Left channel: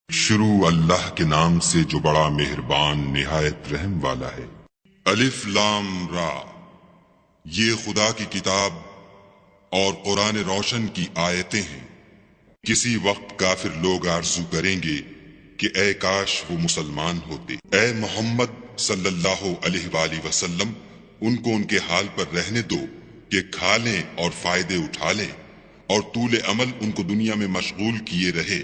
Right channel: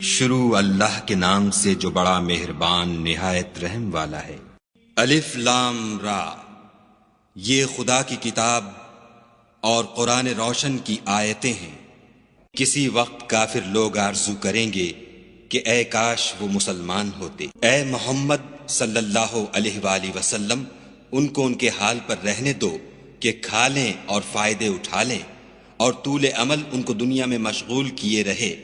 شروع اللہ کے نام سے جو بڑا مہربان نہایت رحم والا ہے۔ الف لام را، یہ خدا کی کتاب اور قرآن روشن کی آیتیں ہیں۔ کسی وقت کافر لوگ آرزو کریں گے کہ اے کاش وہ مسلمان ہوتے۔ اے محمد صلی اللہ علیہ وآلہ وسلم، ان کو ان کے حال پر رہنے دو کہ کھا لیں اور فائدے اٹھا لیں، اور طول عمل ان کو دنیا میں مشغول کیے رہے۔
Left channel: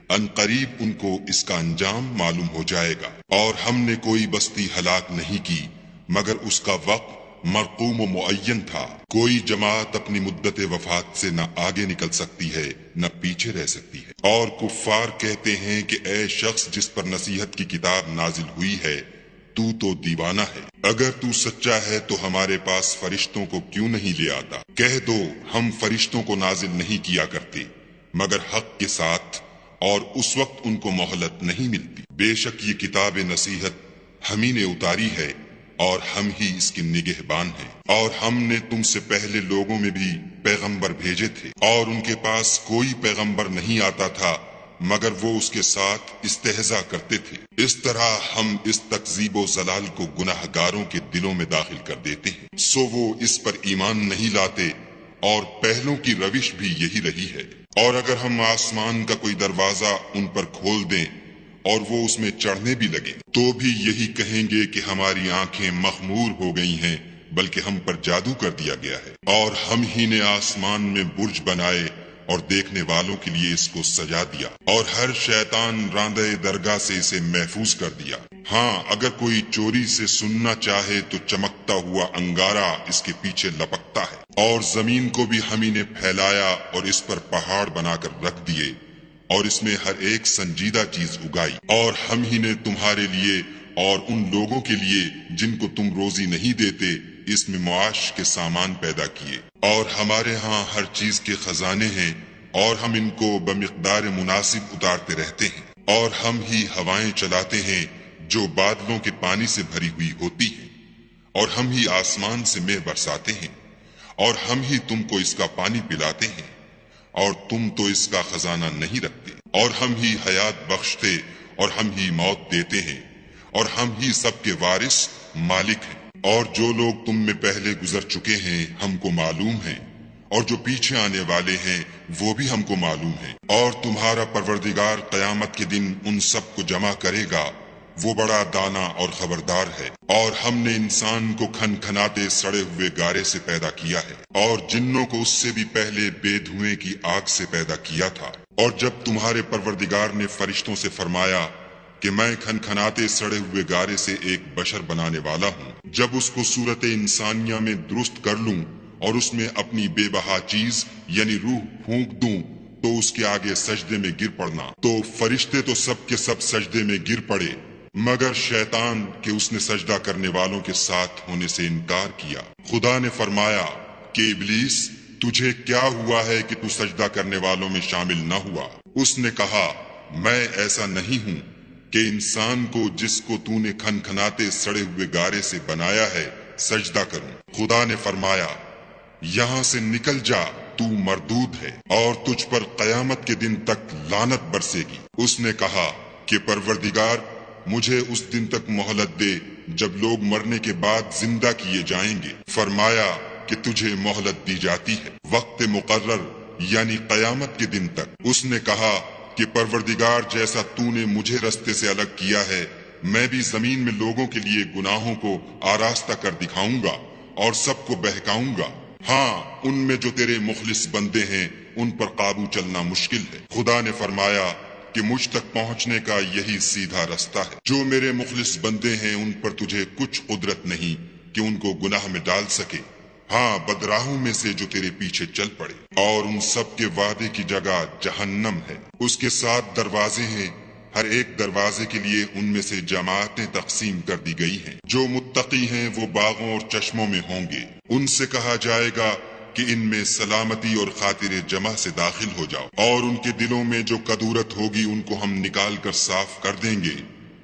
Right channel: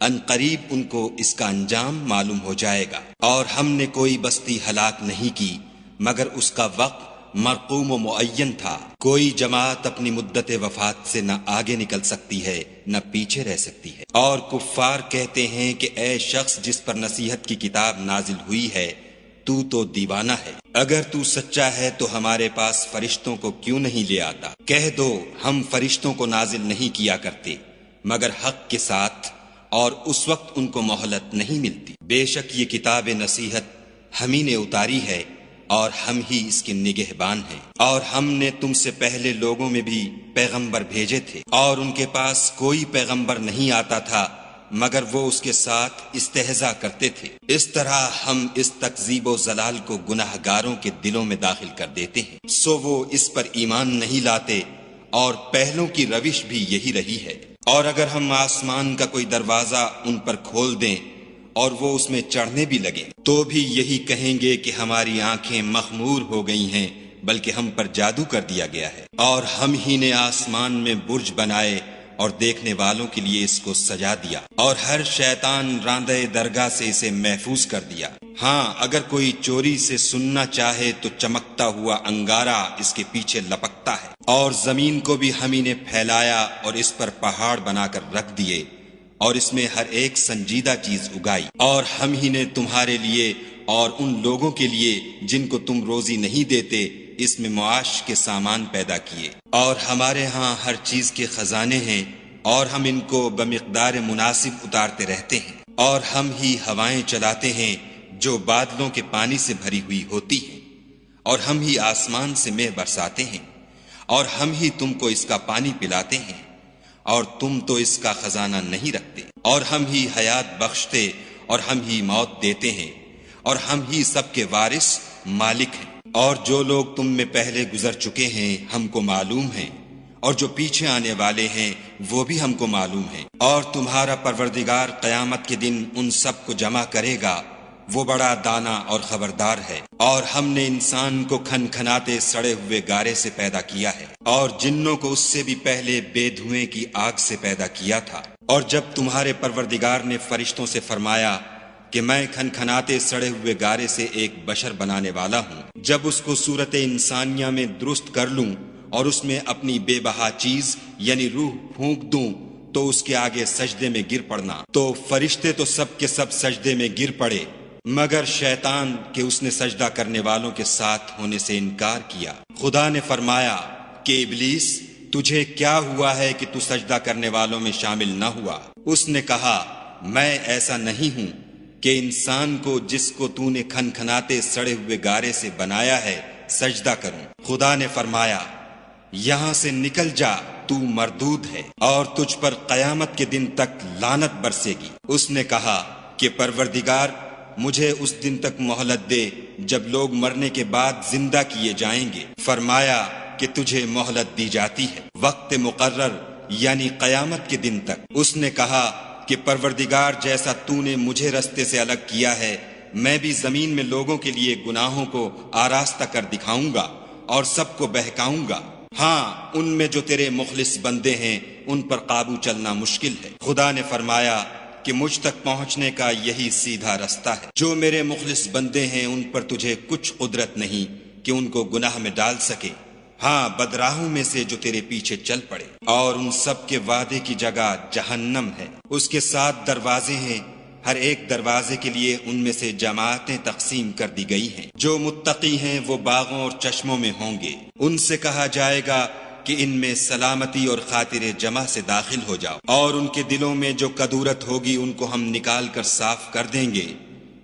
ان قریب ان کو اس کا انجام معلوم ہو جائے گا۔ اور ہم نے کوئی بستی ہلاک نہیں کی مگر اس کا وقت مرقوم و معین تھا۔ کوئی جماعت اپنی مدت وفات سے نہ آگے نکل سکتی ہے نہ پیچھے رہ سکتی ہے۔ اور کفار کہتے ہیں کہ اے شخص جس پر نصیحت کی کتاب نازل ہوئی ہے، تو دیوانہ ہے۔ اگر تو سچا ہے تو ہمارے پاس فرشتوں کو کیوں نہیں لے آتا؟ کہہ دو ہم فرشتوں کو نازل نہیں کیا کرتے مگر حق کے ساتھ، اور اس وقت ان کو مہلت نہیں ملتی۔ بے شک یہ کتاب نصیحت ہم ہی نے اتاری ہے اور ہم ہی اس کے نگہبان ہیں۔ اور ہم نے تم سے پہلے لوگوں میں بھی پیغمبر بھیجے تھے، اور ان کے پاس کوئی پیغمبر نہیں آتا تھا مگر وہ اس کے ساتھ استہزاء کرتے تھے۔ اس طرح ہم اس تکذیب و ضلال کو گناہ گاروں کے دلوں میں داخل کر دیتے ہیں، سو وہ اس پر ایمان نہیں لاتے، اور پہلوں کی روش بھی یہی رہی ہے۔ اور اگر ہم آسمان کا کوئی دروازہ ان پر کھول دیں اور وہ اس میں چڑھنے بھی لگے تو بھی یہی کہیں گے کہ ہماری آنکھیں مخمور ہو گئی ہیں، بلکہ ہم پر جادو کر دیا گیا ہے۔ اور ہم ہی نے آسمان میں برج بنائے اور دیکھنے والوں کے لیے اس کو سجا دیا، اور ہر شیطان راندے درگاہ سے اسے محفوظ کر دیا۔ ہاں اگر کوئی چوری سے سننا چاہے تو چمکتا ہوا انگارہ اس کے پیچھے لپکتا ہے۔ اور زمین کو بھی ہم نے پھیلایا اور اس پر پہاڑ بنا کر رکھ دیے، اور اس میں ہر ایک سنجیدہ چیز اگائی۔ اور ہم ہی نے تمہارے لیے اور ان لوگوں کے لیے جن کو تم روزی نہیں دیتے اس میں معاش کے سامان پیدا کیے۔ اور ہمارے ہاں ہر چیز کے خزانے ہیں، اور ہم ان کو بمقدار مناسب اتارتے رہتے ہیں۔ اور ہم ہی ہوائیں چلاتے ہیں جو بادلوں کے پانی سے بھری ہوئی ہوتی ہیں، اور ہم ہی آسمان سے مے برساتے ہیں، اور ہم ہی تم کو اس کا پانی پلاتے ہیں، اور تم تو اس کا خزانہ نہیں رکھتے۔ اور ہم ہی حیات بخشتے اور ہم ہی موت دیتے ہیں، اور ہم ہی سب کے وارث مالک ہیں۔ اور جو لوگ تم میں پہلے گزر چکے ہیں ہم کو معلوم ہیں، اور جو پیچھے آنے والے ہیں وہ بھی ہم کو معلوم ہیں۔ اور تمہارا پروردگار قیامت کے دن ان سب کو جمع کرے گا، وہ بڑا دانا اور خبردار ہے۔ اور ہم نے انسان کو کھن کھناتے سڑے ہوئے گارے سے پیدا کیا ہے، اور جنوں کو اس سے بھی پہلے بے دھویں کی آگ سے پیدا کیا تھا۔ اور جب تمہارے پروردگار نے فرشتوں سے فرمایا کہ میں کھن کھناتے سڑے ہوئے گارے سے ایک بشر بنانے والا ہوں، جب اس کو صورت انسانیہ میں درست کر لوں اور اس میں اپنی بے بہا چیز یعنی روح پھونک دوں تو اس کے آگے سجدے میں گر پڑنا، تو فرشتے تو سب کے سب سجدے میں گر پڑے مگر شیطان کہ اس نے سجدہ کرنے والوں کے ساتھ ہونے سے انکار کیا۔ خدا نے فرمایا کہ ابلیس تجھے کیا ہوا ہے کہ تو سجدہ کرنے والوں میں شامل نہ ہوا؟ اس نے کہا میں ایسا نہیں ہوں کہ انسان کو جس کو تو نے کھن کھناتے سڑے ہوئے گارے سے بنایا ہے سجدہ کروں۔ خدا نے فرمایا یہاں سے نکل جا، تو مردود ہے، اور تجھ پر قیامت کے دن تک لعنت برسے گی۔ اس نے کہا کہ پروردگار مجھے اس دن تک مہلت دے جب لوگ مرنے کے بعد زندہ کیے جائیں گے۔ فرمایا کہ تجھے مہلت دی جاتی ہے وقت مقرر یعنی قیامت کے دن تک۔ اس نے کہا کہ پروردگار جیسا تو نے مجھے رستے سے الگ کیا ہے میں بھی زمین میں لوگوں کے لیے گناہوں کو آراستہ کر دکھاؤں گا اور سب کو بہکاؤں گا۔ ہاں ان میں جو تیرے مخلص بندے ہیں ان پر قابو چلنا مشکل ہے۔ خدا نے فرمایا کہ مجھ تک پہنچنے کا یہی سیدھا رستہ ہے۔ جو میرے مخلص بندے ہیں ان پر تجھے کچھ قدرت نہیں کہ ان کو گناہ میں ڈال سکے، ہاں بدراہوں میں سے جو تیرے پیچھے چل پڑے۔ اور ان سب کے وعدے کی جگہ جہنم ہے، اس کے 7 دروازے ہیں، ہر ایک دروازے کے لیے ان میں سے جماعتیں تقسیم کر دی گئی ہیں۔ جو متقی ہیں وہ باغوں اور چشموں میں ہوں گے، ان سے کہا جائے گا کہ ان میں سلامتی اور خاطر جمع سے داخل ہو جاؤ، اور ان کے دلوں میں جو کدورت ہوگی ان کو ہم نکال کر صاف کر دیں گے،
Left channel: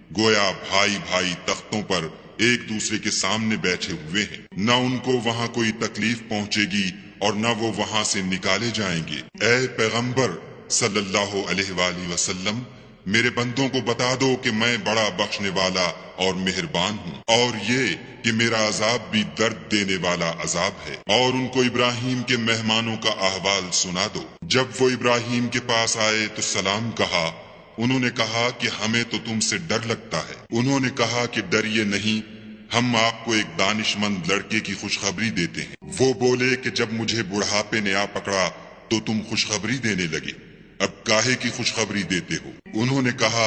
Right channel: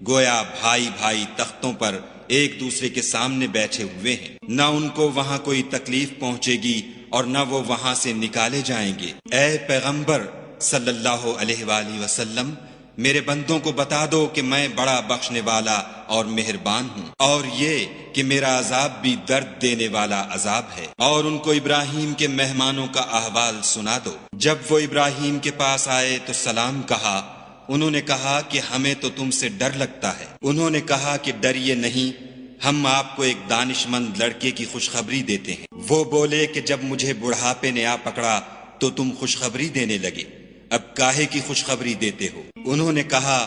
گویا بھائی بھائی تختوں پر ایک دوسرے کے سامنے بیٹھے ہوئے ہیں، نہ ان کو وہاں کوئی تکلیف پہنچے گی اور نہ وہ وہاں سے نکالے جائیں گے۔ اے پیغمبر صلی اللہ علیہ وآلہ وسلم، میرے بندوں کو بتا دو کہ میں بڑا بخشنے والا اور مہربان ہوں، اور یہ کہ میرا عذاب بھی درد دینے والا عذاب ہے۔ اور ان کو ابراہیم کے مہمانوں کا احوال سنا دو۔ جب وہ ابراہیم کے پاس آئے تو سلام کہا، انہوں نے کہا کہ ہمیں تو تم سے ڈر لگتا ہے۔ انہوں نے کہا کہ ڈریے نہیں، ہم آپ کو ایک دانش مند لڑکے کی خوشخبری دیتے ہیں۔ وہ بولے کہ جب مجھے بڑھاپے نے آ پکڑا تو تم خوشخبری دینے لگے، اب کاہے کی خوشخبری دیتے ہو؟ انہوں نے کہا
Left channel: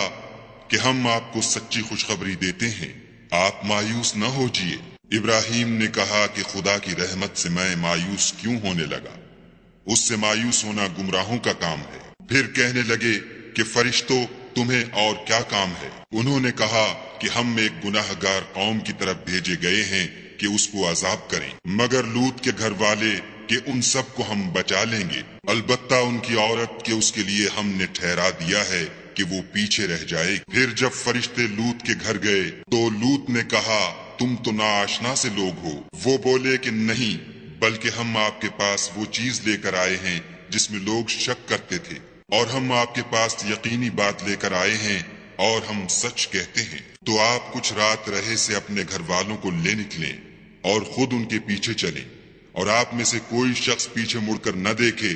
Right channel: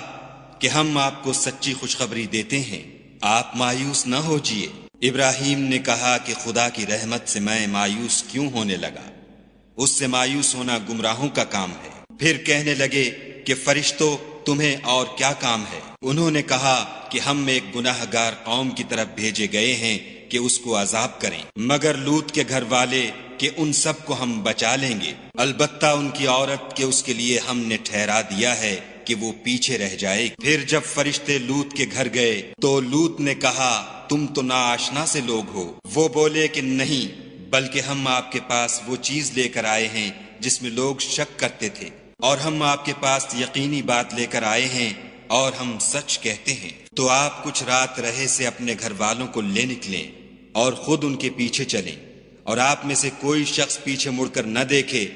کہ ہم آپ کو سچی خوشخبری دیتے ہیں، آپ مایوس نہ ہوجیے۔ ابراہیم نے کہا کہ خدا کی رحمت سے میں مایوس کیوں ہونے لگا؟ اس سے مایوس ہونا گمراہوں کا کام ہے۔ پھر کہنے لگے کہ فرشتوں تمہیں اور کیا کام ہے؟ انہوں نے کہا کہ ہم ایک گناہگار قوم کی طرف بھیجے گئے ہیں کہ اس کو عذاب کریں، مگر لوط کے گھر والے کہ ان سب کو ہم بچا لیں گے، البتہ ان کی عورت کے اس کے لیے ہم نے ٹھہرا دیا ہے کہ وہ پیچھے رہ جائے۔ پھر جب فرشتے لوط کے گھر گئے تو لوط نے کہا تم تو ناآشنا سے لوگ ہو۔ وہ بولے کہ نہیں، بلکہ ہم آپ کے پاس وہ چیز لے کر آئے ہیں جس میں لوگ شک کرتے تھے، اور ہم آپ کے پاس یقینی بات لے کر آئے ہیں اور ہم سچ کہتے ہیں۔ تو آپ کچھ رات رہے سے اپنے گھر والوں کو لے نکلیں اور خود ان کے پیچھے چلیں، اور آپ میں سے کوئی شخص پیچھے مڑ کر نہ دیکھے،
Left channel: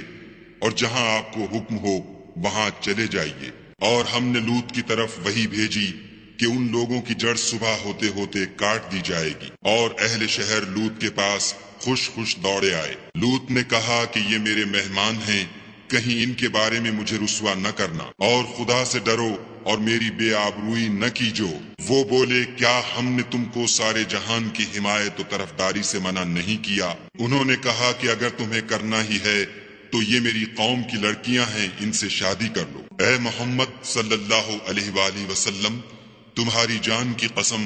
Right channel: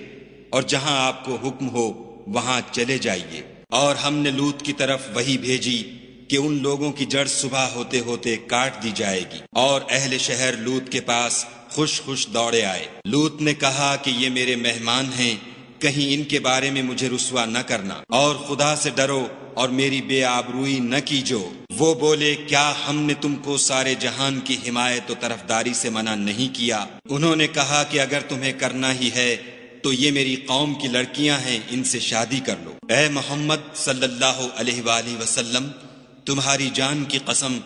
اور جہاں آپ کو حکم ہو وہاں چلے جائیے۔ اور ہم نے لوط کی طرف وحی بھیجی کہ ان لوگوں کی جڑ صبح ہوتے ہوتے کاٹ دی جائے گی، اور اہل شہر لوط کے پاس خوش خوش دوڑے آئے۔ لوط نے کہا کہ یہ میرے مہمان ہیں، کہیں ان کے بارے میں مجھے رسوا نہ کرنا، اور خدا سے ڈرو اور میری بے آبروئی نہ کیجو۔ وہ بولے کیا ہم نے تم کو سارے جہان کی حمایت و طرفداری سے منع نہیں کیا؟ انہوں نے کہا کہ اگر تمہیں کرنا ہی ہے تو یہ میری قوم کی لڑکیاں ہیں، ان سے شادی کرو۔ اے محمد صلی اللہ علیہ وآلہ وسلم، تمہاری جان کی قسم،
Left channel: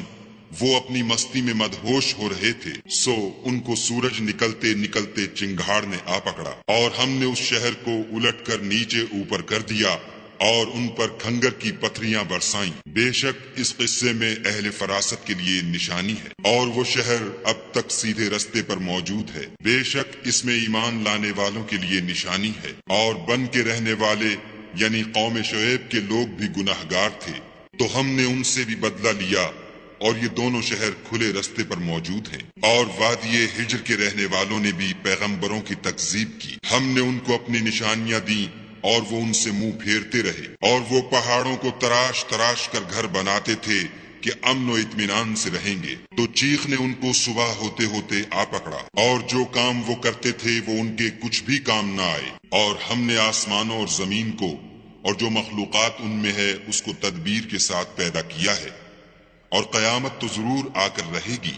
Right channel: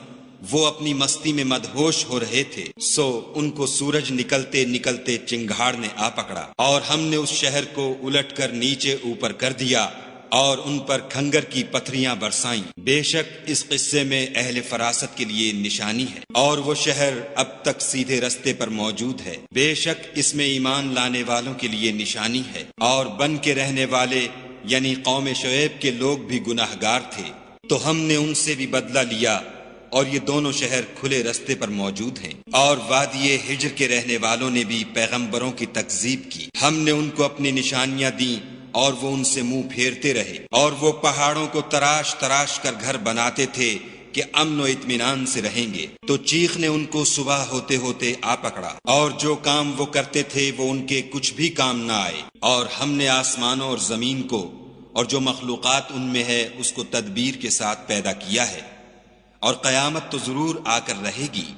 وہ اپنی مستی میں مدہوش ہو رہے تھے، سو ان کو سورج نکلتے نکلتے چنگھاڑ نے آ پکڑا، اور ہم نے اس شہر کو الٹ کر نیچے اوپر کر دیا اور ان پر کھنگر کی پتھریاں برسائیں۔ بے شک اس قصے میں اہل فراست کے لیے نشانی ہے، اور وہ شہر اب تک سیدھے رستے پر موجود ہے۔ بے شک اس میں ایمان لانے والوں کے لیے نشانی ہے، اور بن کے رہنے والے یعنی قوم شعیب کے لوگ بھی گناہگار تھے، تو ہم نے ان سے بھی بدلہ لیا، اور یہ دونوں شہر کھلے رستے پر موجود ہیں۔ اور وادی حجر کے رہنے والوں نے بھی پیغمبروں کی تکذیب کی، ہم نے ان کو اپنی نشانیاں دیں اور وہ ان سے منہ پھیرتے رہے، اور وہ پہاڑوں کو تراش تراش کر گھر بناتے تھے کہ امن و اطمینان سے رہیں گے، تو چیخ نے ان کو صبح ہوتے ہوتے آ پکڑا، اور جو کام وہ کرتے تھے وہ ان کے کچھ بھی کام نہ آئے۔ اور ہم نے آسمانوں اور زمین کو اور جو مخلوقات ان میں ہے اس کو تدبیر کے ساتھ پیدا کیا ہے، اور قیامت تو ضرور آ کر رہے گی،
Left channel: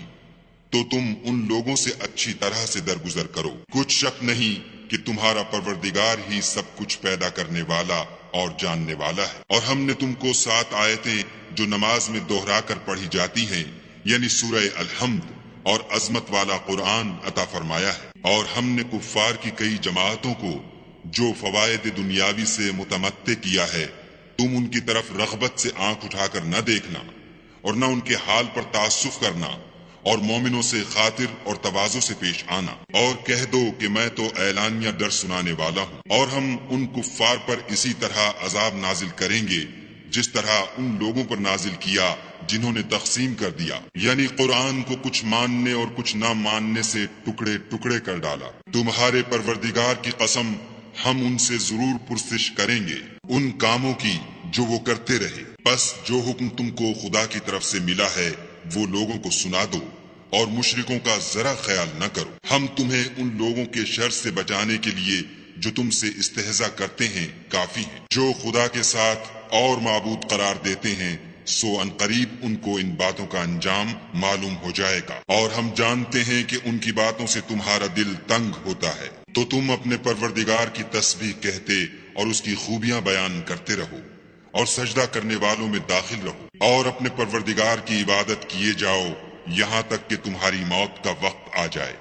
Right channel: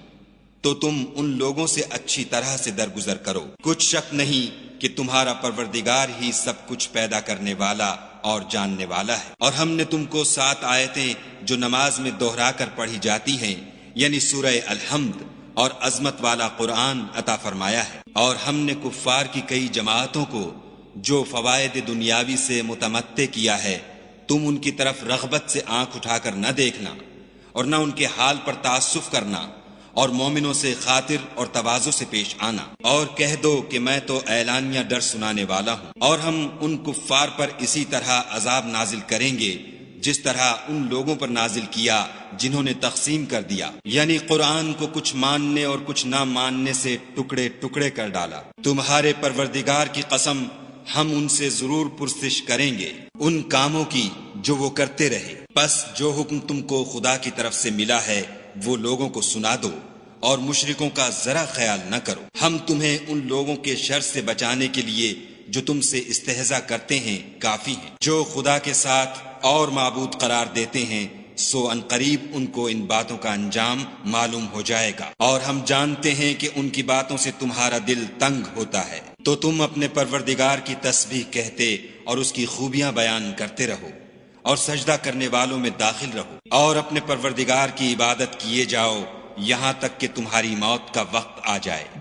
تو تم ان لوگوں سے اچھی طرح سے درگزر کرو۔ کچھ شک نہیں کہ تمہارا پروردگار ہی سب کچھ پیدا کرنے والا اور جاننے والا ہے۔ اور ہم نے تم کو 7 آیتیں جو نماز میں دوہرا کر پڑھی جاتی ہیں، یعنی سورہ الحمد اور عظمت والا قرآن عطا فرمایا ہے، اور ہم نے کفار کی کئی جماعتوں کو جو فوائد دنیاوی سے متمتع کیا ہے، تم ان کی طرف رغبت سے آنکھ اٹھا کر نہ دیکھنا، اور نہ ان کے حال پر تعصب کرنا، اور مومنوں سے خاطر اور تواضع سے پیش آنا، اور کہہ دو کہ میں تو اعلانیہ ڈر سنانے والا ہوں، اور ہم ان کفار پر اسی طرح عذاب نازل کریں گے جس طرح ان لوگوں پر نازل کیا جنہوں نے تقسیم کر دیا، یعنی قرآن کو کچھ ماننے اور کچھ نہ ماننے سے ٹکڑے ٹکڑے کر ڈالا۔ تمہارے پروردگار کی قسم، ہم ان سے ضرور پرسش کریں گے ان کاموں کی جو وہ کرتے رہے، پس جو حکم تم کو خدا کی طرف سے ملا ہے وہ لوگوں کو سنا دو، اور مشرکوں کا ذرا خیال نہ کرو۔ ہم تمہیں ان لوگوں کے شر سے بچانے کے لیے جو تم سے استہزاء کرتے ہیں کافی ہیں، جو خدا کے ساتھ اور معبود قرار دیتے ہیں، سو ان قریب ان کو ان باتوں کا انجام معلوم ہو جائے گا، اور ہم جانتے ہیں کہ ان کی باتوں سے تمہارا دل تنگ ہوتا ہے، تو تم اپنے پروردگار کی تسبیح کہتے اور اس کی خوبیاں بیان کرتے رہو، اور سجدہ کرنے والوں میں داخل رہو، اور اپنے پروردگار کی عبادت کیے جاؤ یہاں تک کہ تمہاری موت کا وقت آ جائے۔